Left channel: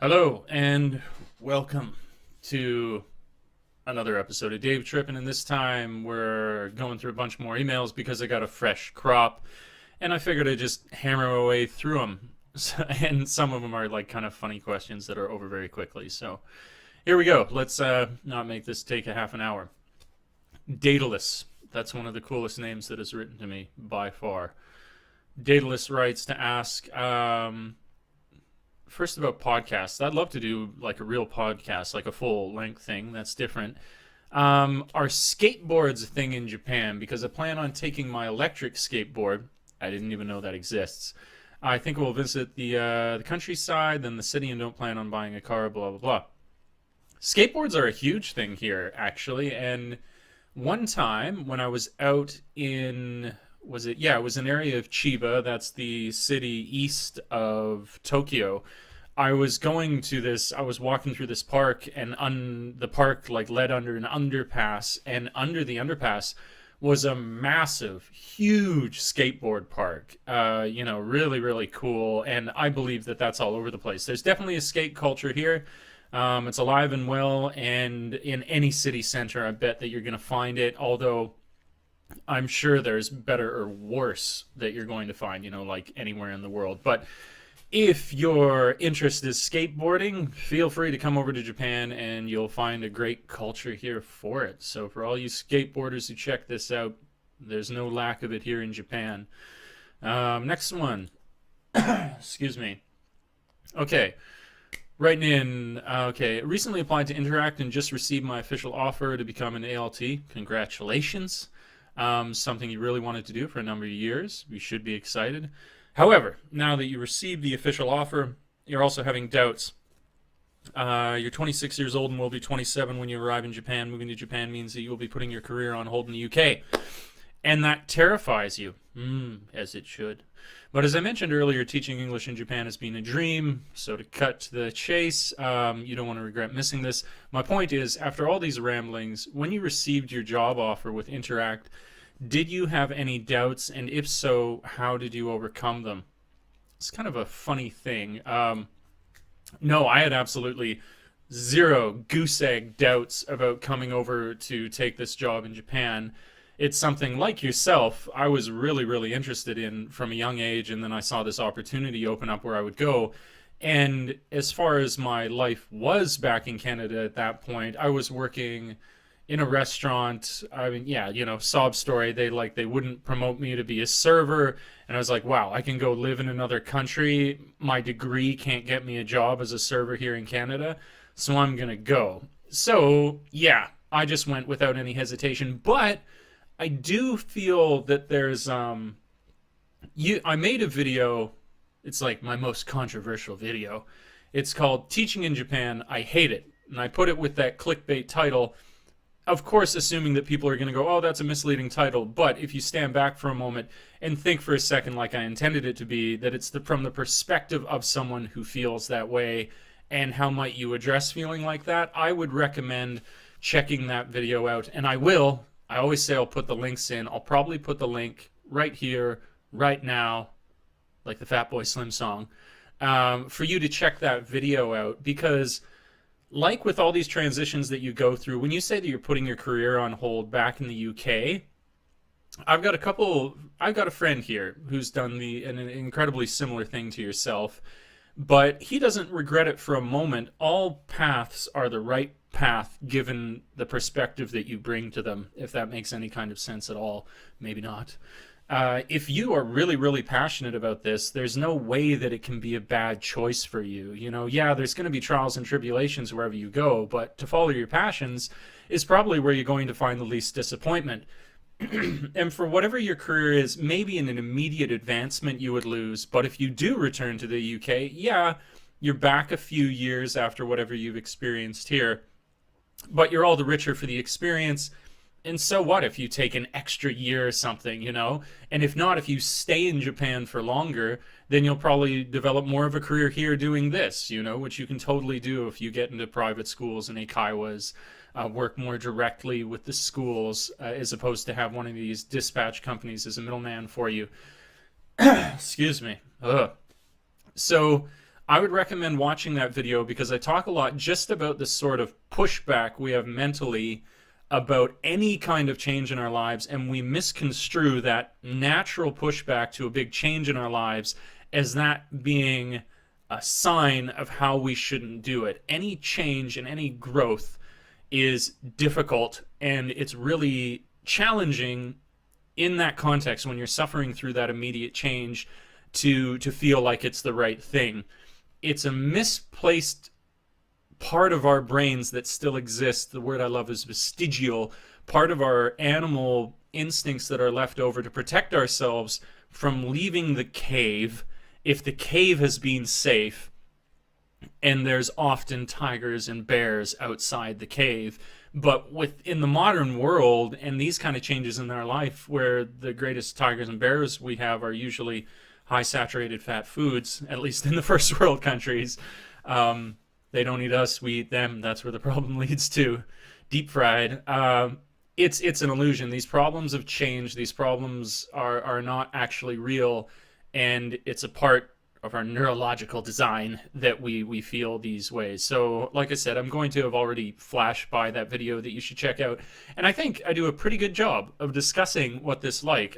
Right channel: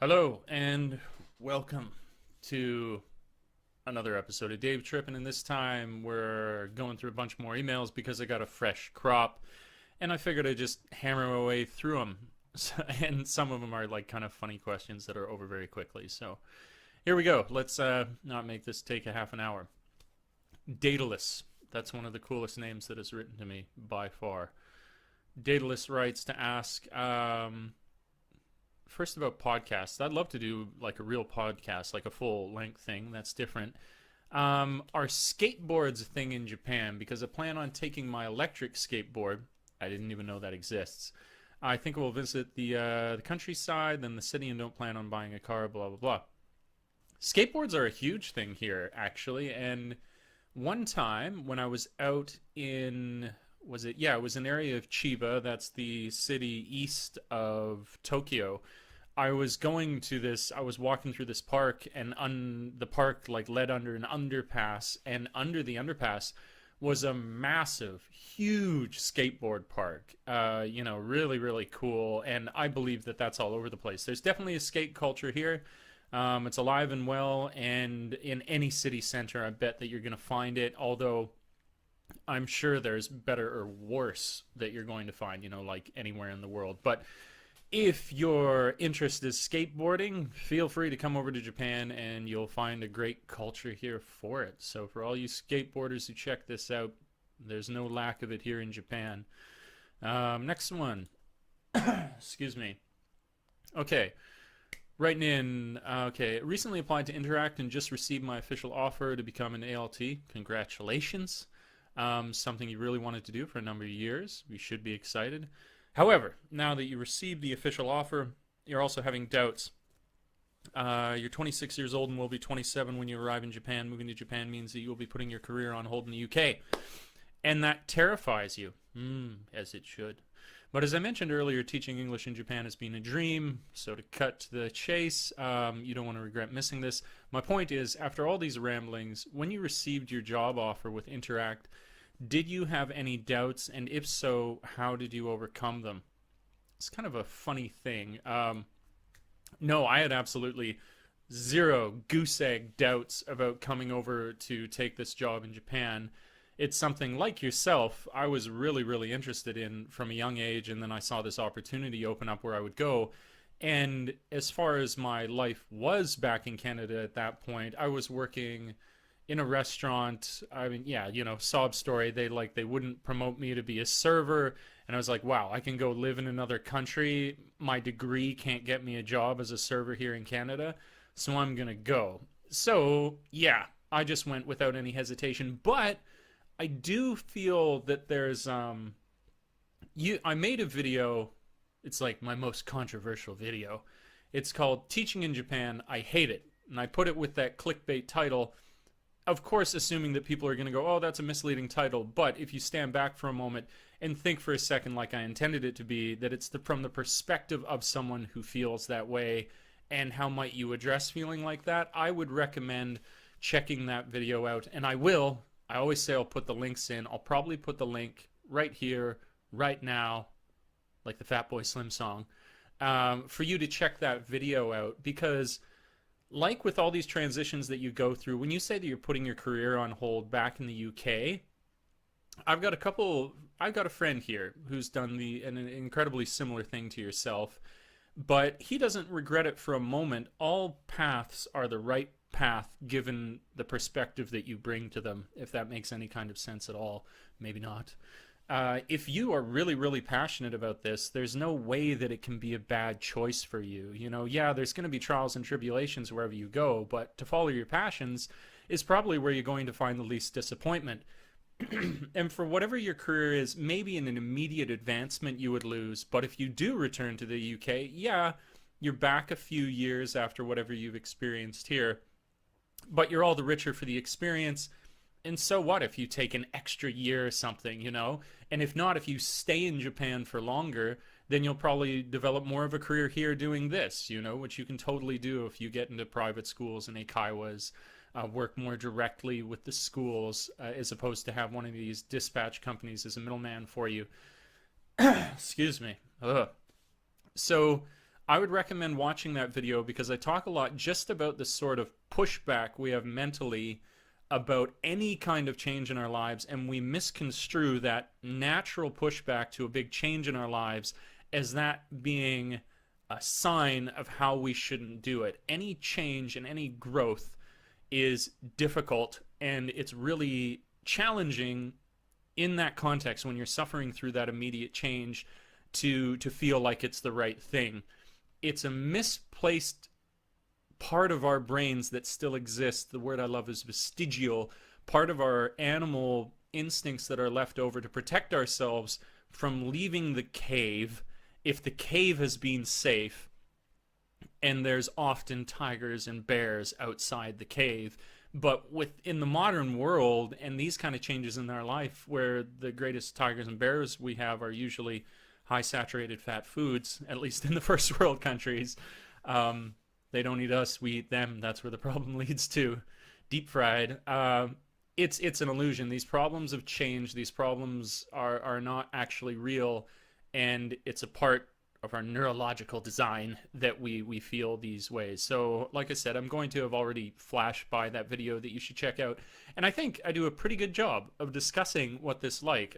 Hello and welcome to another episode of Dave Trippin', and this time we're going through a bunch more emails because I got a fresh crop, and I figured I'd just hammer away through them. And some of them are like kind of funny questions that are over very quickly. So here we go. Let's not make this take a half an hour. Daedalus. That's one of the coolest names that is written to me by far. Daedalus writes to ask, first about podcasts. I'd love to do like a real podcast, like a full length thing. That's different. Are skateboards a thing in Japan? Because I plan on taking my electric skateboard. I didn't even know that exists. I think we'll visit the countryside, then the city, and don't plan on buying a car. Blah blah blah. Skateboards are a huge thing here, actually. And one time when I was out in was it yeah it was an area of Chiba, that's the city east of Tokyo. I was walking through this park, and the park like led under an underpass, and under the underpass was a massive, huge skateboard park. Really, really cool. And I believe that that's all over the place. There's definitely a skate culture here. It's alive and well, and in any city center, I bet that you're going to find it. Although I'm sure there's better or worse that you're going to find, like anywhere in the world. But if your interest is skateboarding, feel free to come over to Japan and you'll find a great culture here for it. So for all you skateboarders who check this out, there's no lack of it here in Japan. Next one. Excuse me. Okay. Writing in, okay. Recently applied to Interact and just received my official offer to become an ALT. Congratulations. Something you really wanted to do for a number of years. You should be excited. However, now that you received the official offer, you're also having doubts. You're 26 years old and will be 27 when you arrive in Japan. Moving to Japan means that you will be putting your career on hold in the UK. And that terrifies you, as it should. But as I mentioned earlier, teaching English in Japan has been a dream. So to cut to the chase, you don't want to regret missing this. My point is, after all these ramblings, when you received your job offer with Interact, did you have any doubts? And if so, how did you overcome them? It's kind of a funny thing. No, I had absolutely zero goose egg doubts about coming over to take this job in Japan. It's something like yourself, I was really, really interested in from a young age, and then I saw this opportunity open up where I would go. And as far as my life was back in Canada at that point, I was working in a restaurant. I mean, yeah, sob story. They wouldn't promote me to be a server, and I was like, wow, I can go live in another country. My degree can't get me a job as a server here in Canada, so I'm gonna go. So yeah, I just went without any hesitation. But I do feel that there's I made a video. It's like my most controversial video. It's called Teaching in Japan, I Hate It. And I put it with that clickbait title, of course assuming that people are going to go, oh, that's a misleading title. But if you stand back for a moment and think for a second, like I intended it to be, that it's from the perspective of someone who feels that way, and how might you address feeling like that, I would recommend checking that video out. And I will. I always say I'll put the links in. I'll probably put the link right here, right now, like the Fatboy Slim song, for you to check that video out. Because like with all these transitions that you go through, when you say that you're putting your career on hold back in the UK, I've got a friend here who's done an incredibly similar thing to yourself, but he doesn't regret it for a moment. All paths are the right path given the perspective that you bring to them, if that makes any kind of sense at all. Maybe not. If you are really, really passionate about this, there's no way that it can be a bad choice for you. Yeah, there's going to be trials and tribulations wherever you go, but to follow your passions is probably where you're going to find the least disappointment. And for whatever your career is, maybe in an immediate advancement you would lose, but if you do return to the UK, yeah, you're back a few years after whatever you've experienced here, but you're all the richer for the experience. And so what if you take an extra year or something, And if not, if you stay in Japan for longer, then you'll probably develop more of a career here doing this, which you can totally do if you get into private schools and eikaiwas, work more directly with the schools, as opposed to have one of these dispatch companies as a middleman for you. Excuse me. Ugh. So I would recommend watching that video because I talk a lot just about the sort of pushback we have mentally about any kind of change in our lives, and we misconstrue that natural pushback to a big change in our lives as that being a sign of how we shouldn't do it. Any change and any growth is difficult, and it's really challenging in that context when you're suffering through that immediate change to feel like it's the right thing. It's a misplaced part of our brains that still exists. The word I love is vestigial, part of our animal instincts that are left over to protect ourselves from leaving the cave if the cave has been safe, and there's often tigers and bears outside the cave. But within the modern world and these kind of changes in our life, where the greatest tigers and bears we have are usually high saturated fat foods, at least in the first world countries, they don't eat us, we eat them. That's where the problem leads to. Deep fried. It's an illusion. These problems of change, these problems are not actually real, and it's a part of our neurological design that we feel these ways. So like I said, I'm going to have already flashed by that video that you should check out, and I think I do a pretty good job of discussing what it's like,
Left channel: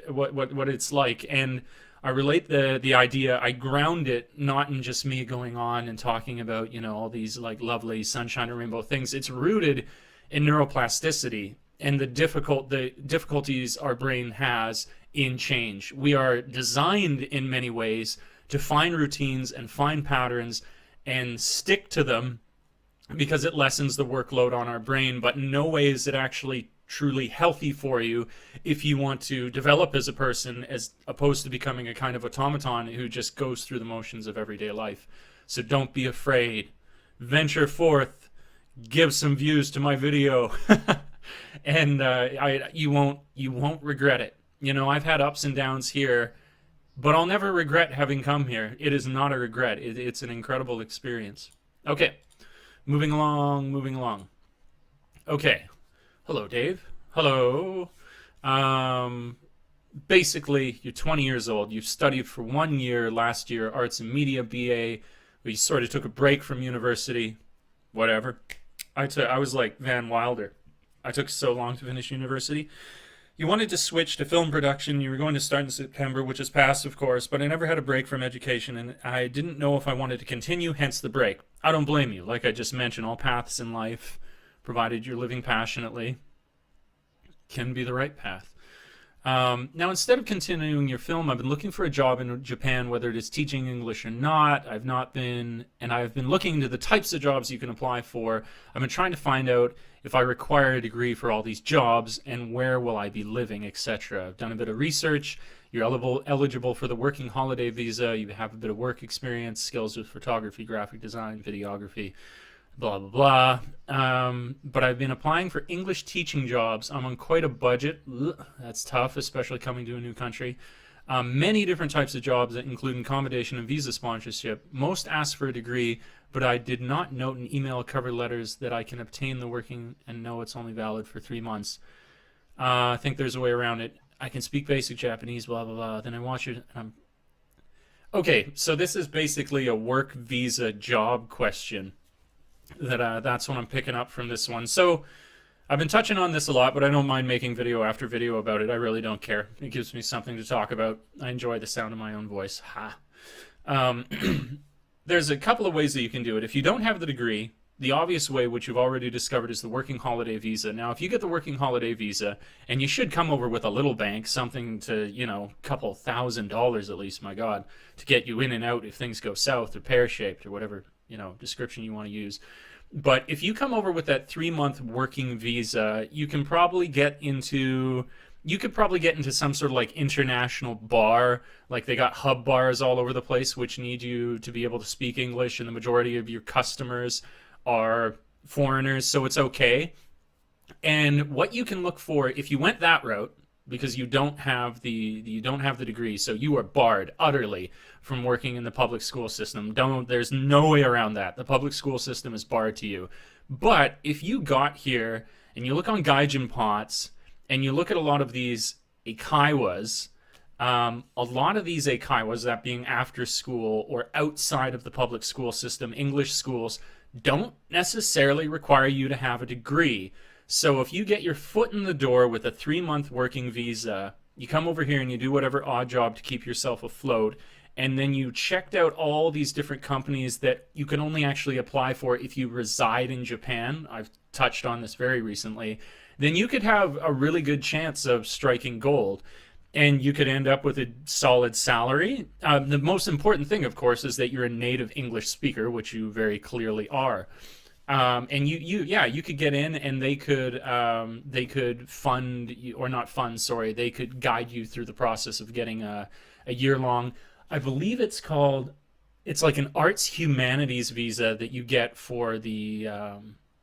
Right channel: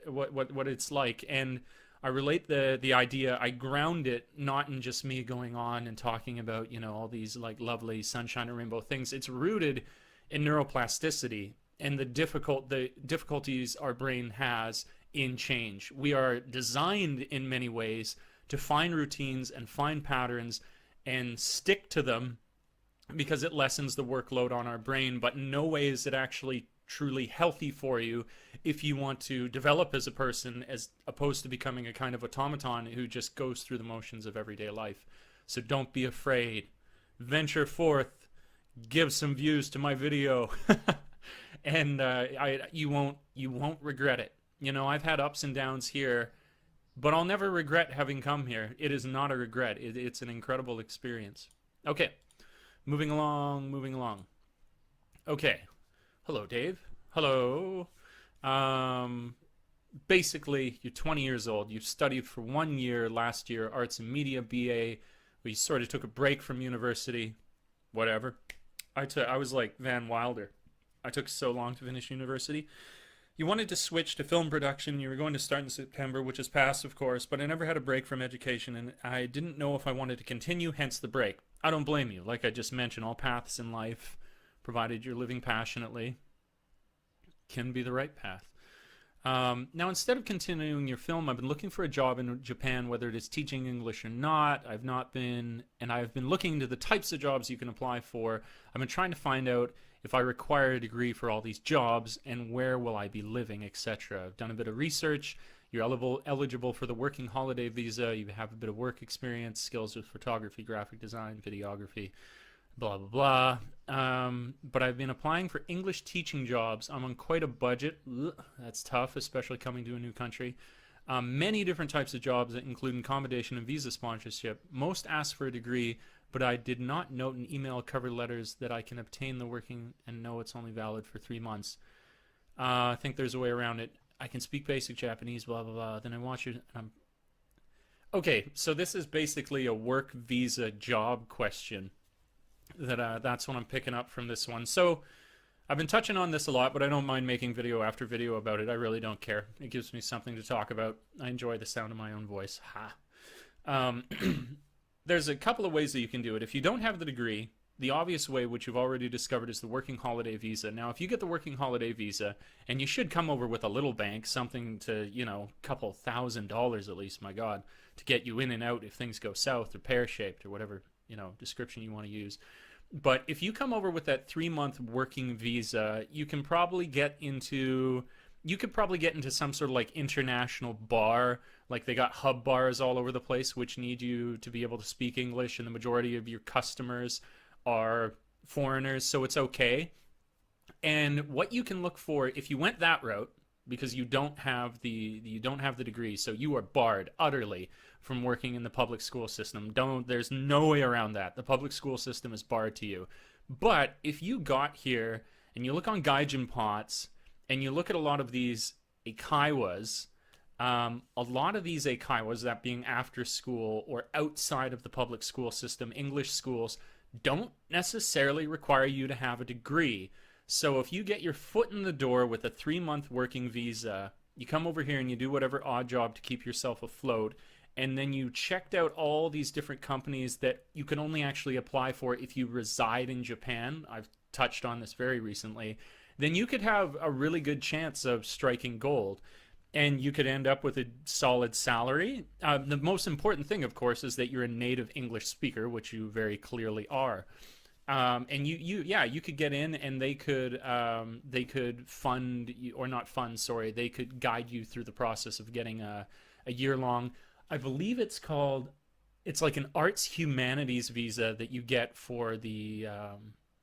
and I relate the idea, I ground it not in just me going on and talking about, you know, all these like lovely sunshine and rainbow things. It's rooted in neuroplasticity and the difficulties our brain has in change. We are designed in many ways to find routines and find patterns and stick to them because it lessens the workload on our brain, but in no way is it actually truly healthy for you if you want to develop as a person, as opposed to becoming a kind of automaton who just goes through the motions of everyday life. So don't be afraid. Venture forth. Give some views to my video. And you won't regret it. You know, I've had ups and downs here, but I'll never regret having come here. It is not a regret. It's an incredible experience. Okay, moving along. Okay, hello, Dave. Hello. Basically, you're 20 years old. You've studied for 1 year last year, arts and media BA. We sort of took a break from university. Whatever. I was like Van Wilder. I took so long to finish university. You wanted to switch to film production. You were going to start in September, which is past, of course, but I never had a break from education, and I didn't know if I wanted to continue, hence the break. I don't blame you. Like I just mentioned, all paths in life, provided you're living passionately, can be the right path. Now, instead of continuing your film, I've been looking for a job in Japan, whether it is teaching English or not. I've been looking into the types of jobs you can apply for. I've been trying to find out if I require a degree for all these jobs and where will I be living, etc. I've done a bit of research. You're eligible for the working holiday visa. You have a bit of work experience, skills with photography, graphic design, videography, blah, blah, blah. But I've been applying for English teaching jobs. I'm on quite a budget. Ugh, that's tough, especially coming to a new country. Many different types of jobs that include accommodation and visa sponsorship. Most ask for a degree, but I did not note in email cover letters that I can obtain the working and know it's only valid for 3 months. I think there's a way around it. I can speak basic Japanese, blah, blah, blah. Then I watch it. Okay, so this is basically a work visa job question. That's what I'm picking up from this one. So I've been touching on this a lot, but I don't mind making video after video about it. I really don't care. It gives me something to talk about. I enjoy the sound of my own voice. Ha. There's a couple of ways that you can do it. If you don't have the degree, the obvious way, which you've already discovered, is the working holiday visa. Now, if you get the working holiday visa, and you should come over with a little bank, something to, you know, a couple $1,000 at least, my God, to get you in and out if things go south or pear-shaped or whatever, you know, description you want to use. But if you come over with that 3-month working visa, you can probably get into... You could probably get into some sort of like international bar. Like they got hub bars all over the place which need you to be able to speak English, and the majority of your customers are foreigners, so it's okay. And what you can look for if you went that route, because you don't have the degree, so you are barred utterly from working in the public school system. There's no way around that. The public school system is barred to you. But if you got here and you look on Gaijin Pots and you look at a lot of these eikaiwas, A lot of these eikaiwas, that being after school or outside of the public school system, English schools don't necessarily require you to have a degree. So if you get your foot in the door with a 3-month working visa, you come over here and you do whatever odd job to keep yourself afloat, and then you checked out all these different companies that you can only actually apply for if you reside in Japan. I've touched on this very recently. Then you could have a really good chance of striking gold, and you could end up with a solid salary. The most important thing, of course, is that you're a native English speaker, which you very clearly are. And you could get in, and they could fund, or not fund, sorry, they could guide you through the process of getting a year-long, I believe it's like an arts humanities visa that you get for the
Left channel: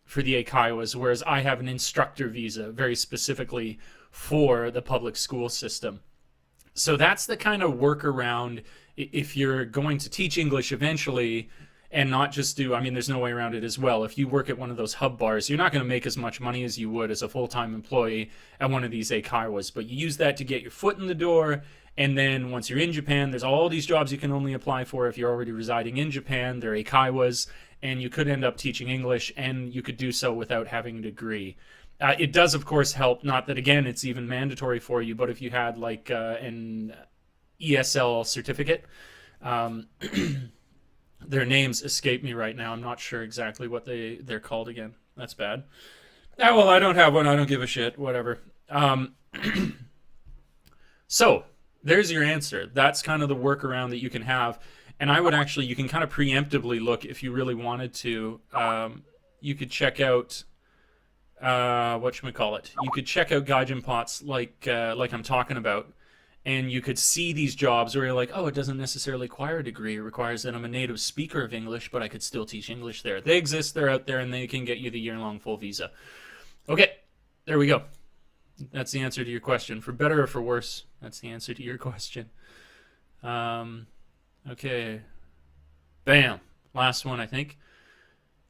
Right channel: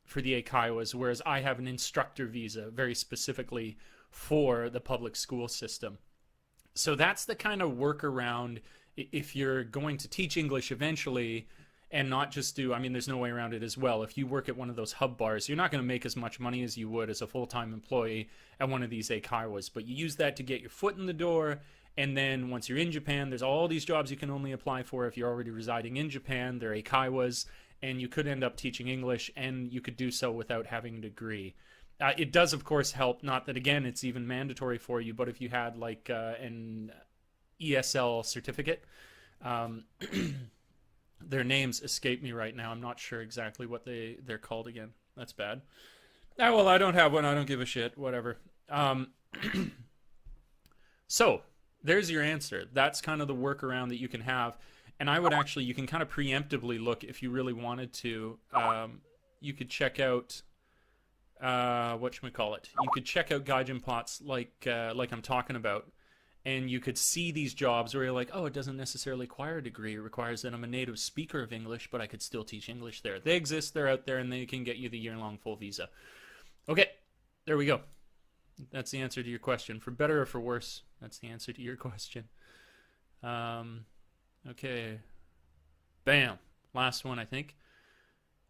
eikaiwas, whereas I have an instructor visa very specifically for the public school system. So that's the kind of workaround if you're going to teach English eventually, and not just do, I mean, there's no way around it as well. If you work at one of those hub bars, you're not going to make as much money as you would as a full-time employee at one of these eikaiwas, but you use that to get your foot in the door. And then once you're in Japan, there's all these jobs you can only apply for if you're already residing in Japan. They're eikaiwas, and you could end up teaching English, and you could do so without having a degree. It does, of course, help. Not that, again, it's even mandatory for you, but if you had like an ESL certificate, their names escape me right now. I'm not sure exactly what they're called again. That's bad. Oh, well, I don't have one. I don't give a shit. Whatever. So there's your answer. That's kind of the workaround that you can have. And I would actually, you can kind of preemptively look if you really wanted to. You could check out, whatchamacallit. You could check out gaijin pots like I'm talking about. And you could see these jobs where you're like, oh, it doesn't necessarily require a degree. It requires that I'm a native speaker of English, but I could still teach English there. They exist. They're out there, and they can get you the year-long full visa. Okay, there we go. That's the answer to your question. For better or for worse, that's the answer to your question. Okay. Bam. Last one, I think.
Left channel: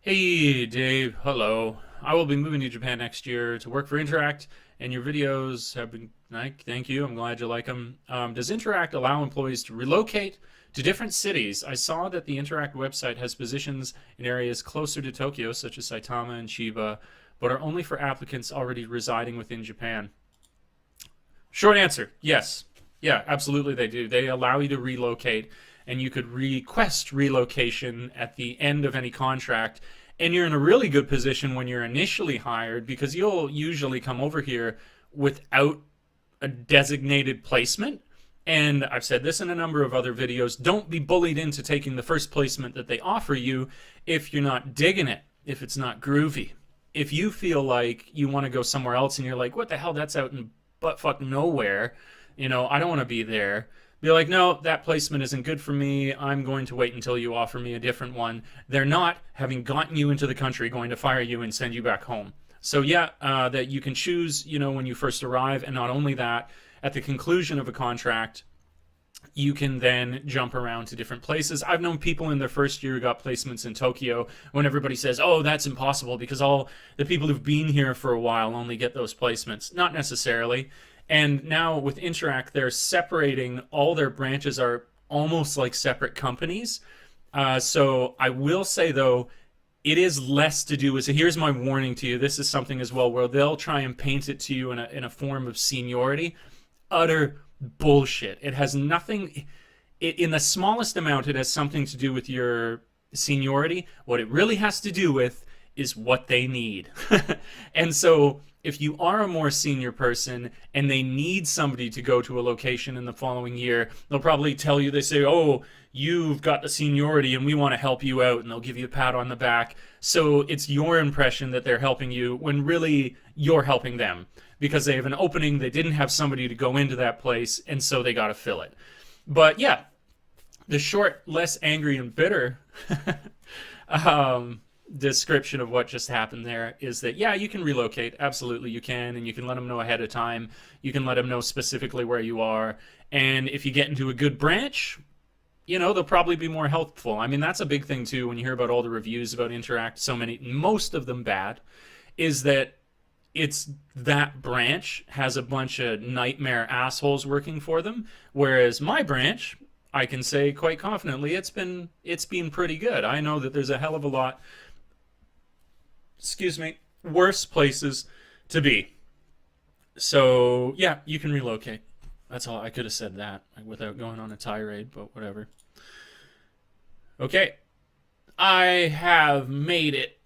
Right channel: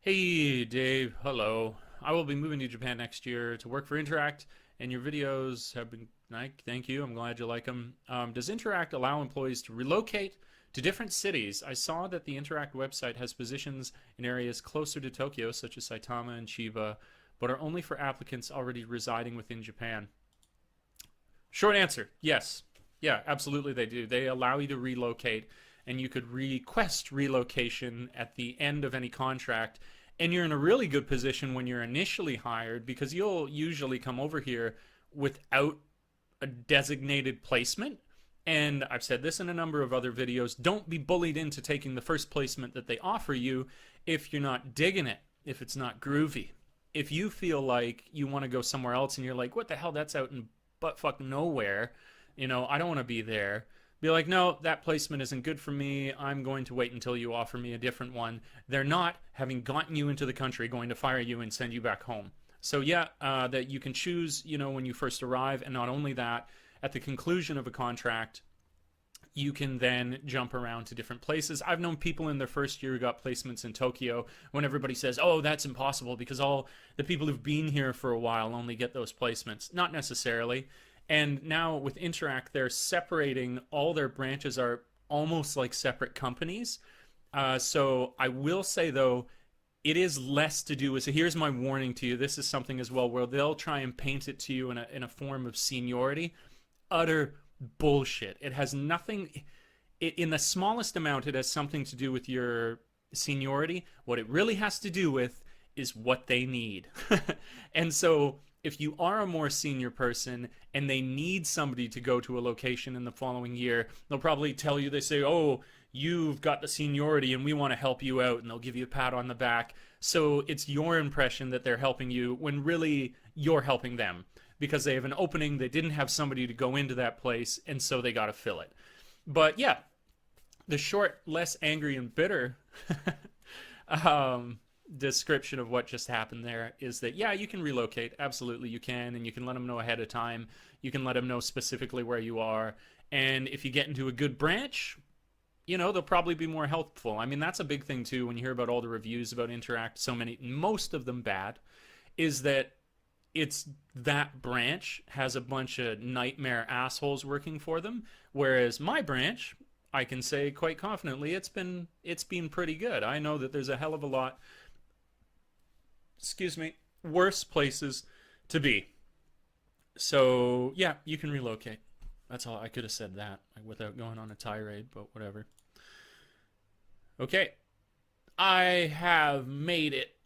Hey, Dave. Hello. I will be moving to Japan next year to work for Interact, and your videos have been, thank you. I'm glad you like them. Does Interact allow employees to relocate to different cities? I saw that the Interact website has positions in areas closer to Tokyo, such as Saitama and Chiba, but are only for applicants already residing within Japan. Short answer, yes. Yeah, absolutely they do. They allow you to relocate, and you could request relocation at the end of any contract. And you're in a really good position when you're initially hired, because you'll usually come over here without a designated placement. And I've said this in a number of other videos. Don't be bullied into taking the first placement that they offer you if you're not digging it, if it's not groovy. If you feel like you want to go somewhere else and you're like, what the hell, that's out in buttfuck nowhere, I don't want to be there. Be like, no, that placement isn't good for me. I'm going to wait until you offer me a different one. They're not, having gotten you into the country, going to fire you and send you back home. So yeah, that you can choose, when you first arrive. And not only that, at the conclusion of a contract, you can then jump around to different places. I've known people in their first year who got placements in Tokyo when everybody says, oh, that's impossible because all the people who've been here for a while only get those placements. Not necessarily. And now with Interact, they're separating, all their branches are almost like separate companies. So I will say, though, it is less to do with, so here's my warning to you. This is something as well where they'll try and paint it to you in a form of seniority. Utter bullshit. It has nothing, in the smallest amount, it has something to do with your seniority. What it really has to do with is what they need. And so if you are a more senior person and they need somebody to go to a location in the following year, they'll probably tell you, they say, oh, you've got the seniority and we want to help you out, and they'll give you a pat on the back. So it's your impression that they're helping you when really you're helping them because they have an opening, they didn't have somebody to go into that place, and so they got to fill it. But yeah, the short, less angry and bitter description of what just happened there is that, yeah, you can relocate. Absolutely you can, and you can let them know ahead of time. You can let them know specifically where you are. And if you get into a good branch, they'll probably be more helpful. I mean, that's a big thing too when you hear about all the reviews about Interact, most of them bad, is that it's that branch has a bunch of nightmare assholes working for them, whereas my branch, I can say quite confidently, it's been pretty good. I know that there's a hell of a lot, excuse me, worse places to be. So yeah, you can relocate. That's all. I could have said that without going on a tirade, but whatever. Okay, I have made it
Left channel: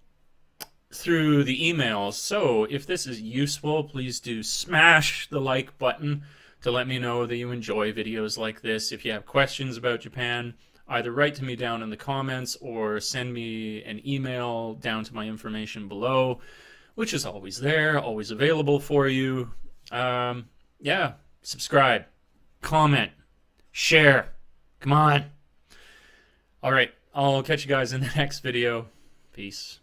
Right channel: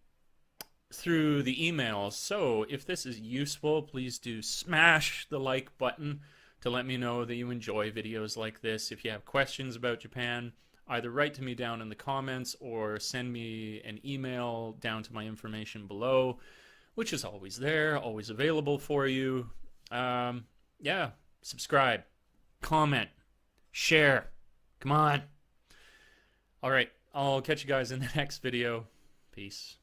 through the emails. So if this is useful, please do smash the like button to let me know that you enjoy videos like this. If you have questions about Japan, either write to me down in the comments or send me an email down to my information below, which is always there, always available for you. Yeah, subscribe, comment, share. Come on. All right, I'll catch you guys in the next video. Peace.